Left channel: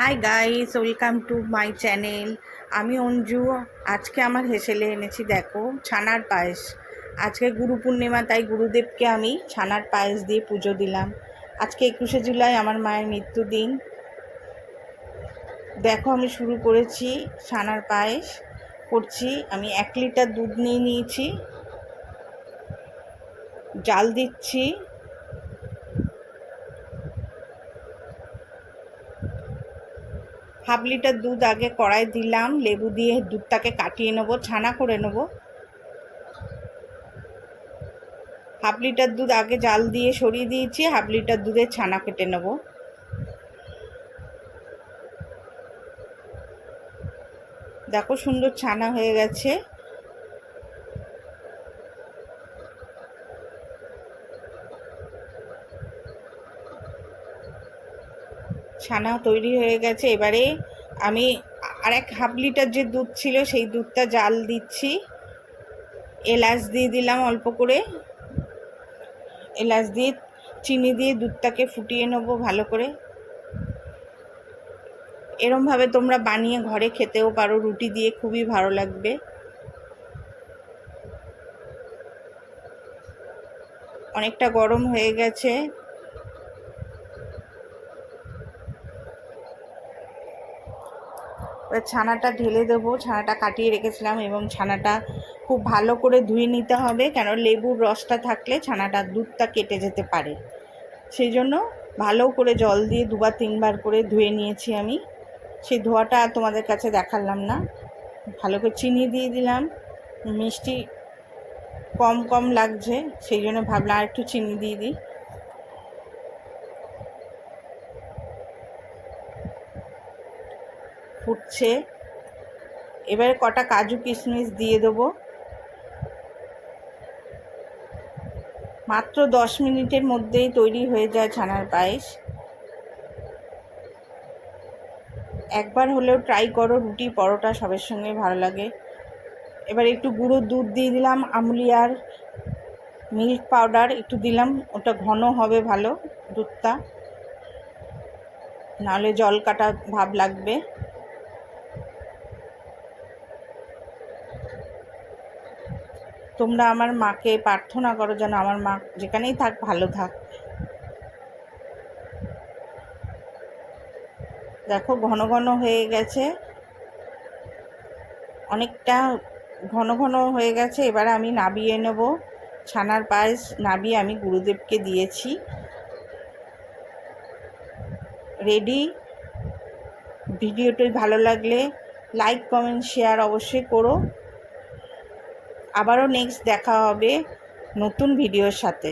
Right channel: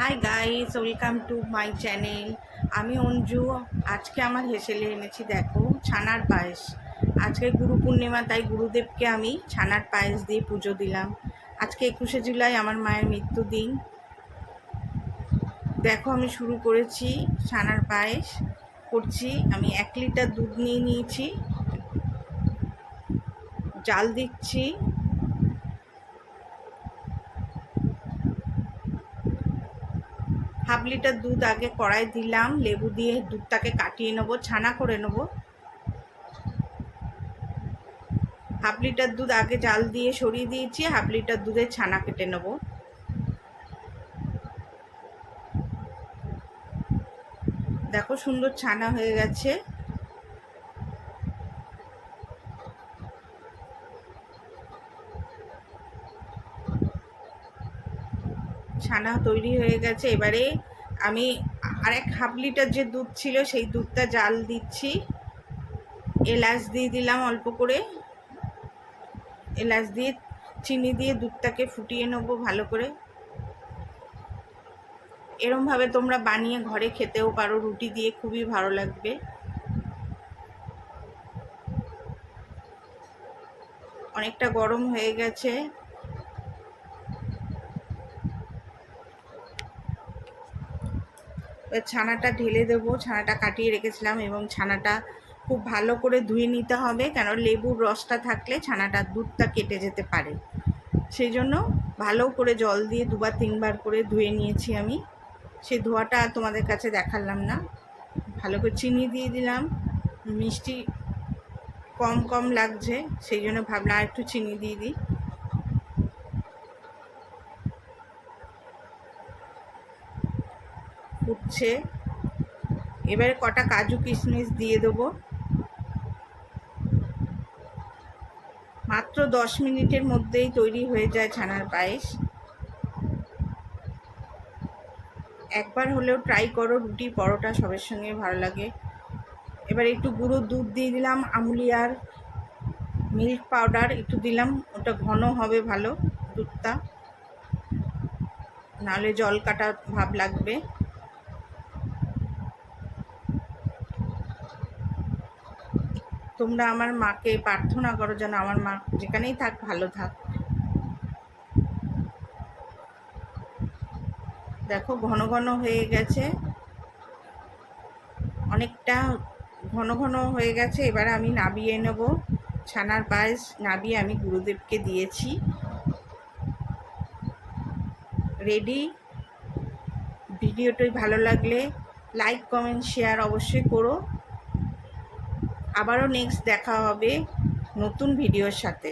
Hi guys welcome to my channel আমি অঞ্জু, আজকে আমার হেসেলে এনেছি, দেখো, ছানার পায়েস। আজকে গুরু পূর্ণিমা, তাই গুরুদেবকে আমি ছানার পায়েস দিয়ে পুজো দিলাম। আজকে একুশে জুলাই, আমার মায়ের মৃত্যুদিন দেখো, আমি শুরু করেছি ছানার পায়েস। করছি, আমি এক লিটার দুধ নিয়ে নিয়েছি। জাল দিচ্ছি। হাফ লিটার দুধ আগে কড়াই দিলাম, লেবু দিয়ে দুধটাকে কাটিয়ে নেব, ছানা করে নেব। হাফ লিটার দুধ আগে জাল দিয়ে সরিয়ে দিয়েছি, হাফ লিটার দুধের ছানা কেটে নেব। দেখো সুন্দর ছানা হয়ে গেছে। ছানা তৈরি হয়ে গেছে। এবারে আমি আর এক হাফ লিটার যে দুধ ছিল, সেই দুধটা জাল দিচ্ছি। এলাচ দিয়ে দিলাম অল্প করে। এলাচ দিয়ে চিনি দিয়ে দুধটাকে ফুটিয়ে নেব ভালো করে। এরমভাবে তোমরা বানিয়ে ঘরে খেতেও পারো, রুটি দিয়ে খুবই ভালো লাগবে। অনেকটা গরম হয়ে গেছে। ছানাটা ঢেলে দেবো। ছানাটা কাটিয়ে রেখেছিলাম এবং ছানাটা খুব ভালো করে ধুয়ে নিতে হবে কেন লেবুর রসটা থাকলে ছানাটা দুধটা কেটে যেতে পারে। সেই জন্য ভালো করে জল দিয়ে দুবার তিনবার করে ধুয়ে নিয়েছি আমি। সেই ধোয়াটা তোমাদের কাছে দেখালাম না। ভালো করে চিনি দিয়ে দিলাম। মিষ্টি কম কম লাগছে, সেই জন্য ভাবলাম আর একটু চিনি দিয়ে দিই। ফুটছে। এবারে কটা কাজু কিশমিশ দিয়ে দেবো। মাত্র দশ মিনিটের মধ্যেই তৈরি হয়ে যায় ছানার পায়েস। একবার হলেও ট্রাই করো, রুটি, পরোটা সবের সঙ্গে ভালো লাগে। এবার একটু গুঁড়ো দুধ দিয়ে দিলাম আমুলিয়ার মিল্ক পাউডার একটু দিলাম, ওটা ঘন হবে ভালো দুধটা। নাহলে জল কাটা ভাব লাগবে। তোমরা আমার মাকে প্রার্থনা করো যেন আমার মা যেখানেই থাক, ভালো থাক। দেখো, ঘন ঘন হয়ে গেছে। অনেকটা ঘন ঘন হয়ে গেছে। এবার আমি নাবিয়ে নেব। ছানার পায়েস নাবিয়ে আমি গুরুদেবকে দিয়েছি। রেডি? ভিডিওটি ভালো লাগলে লাইক, কমেন্ট, শেয়ার অবশ্যই করো। আবারও নেক্সট দেখা হবে নতুন ভিডিওর সাথে।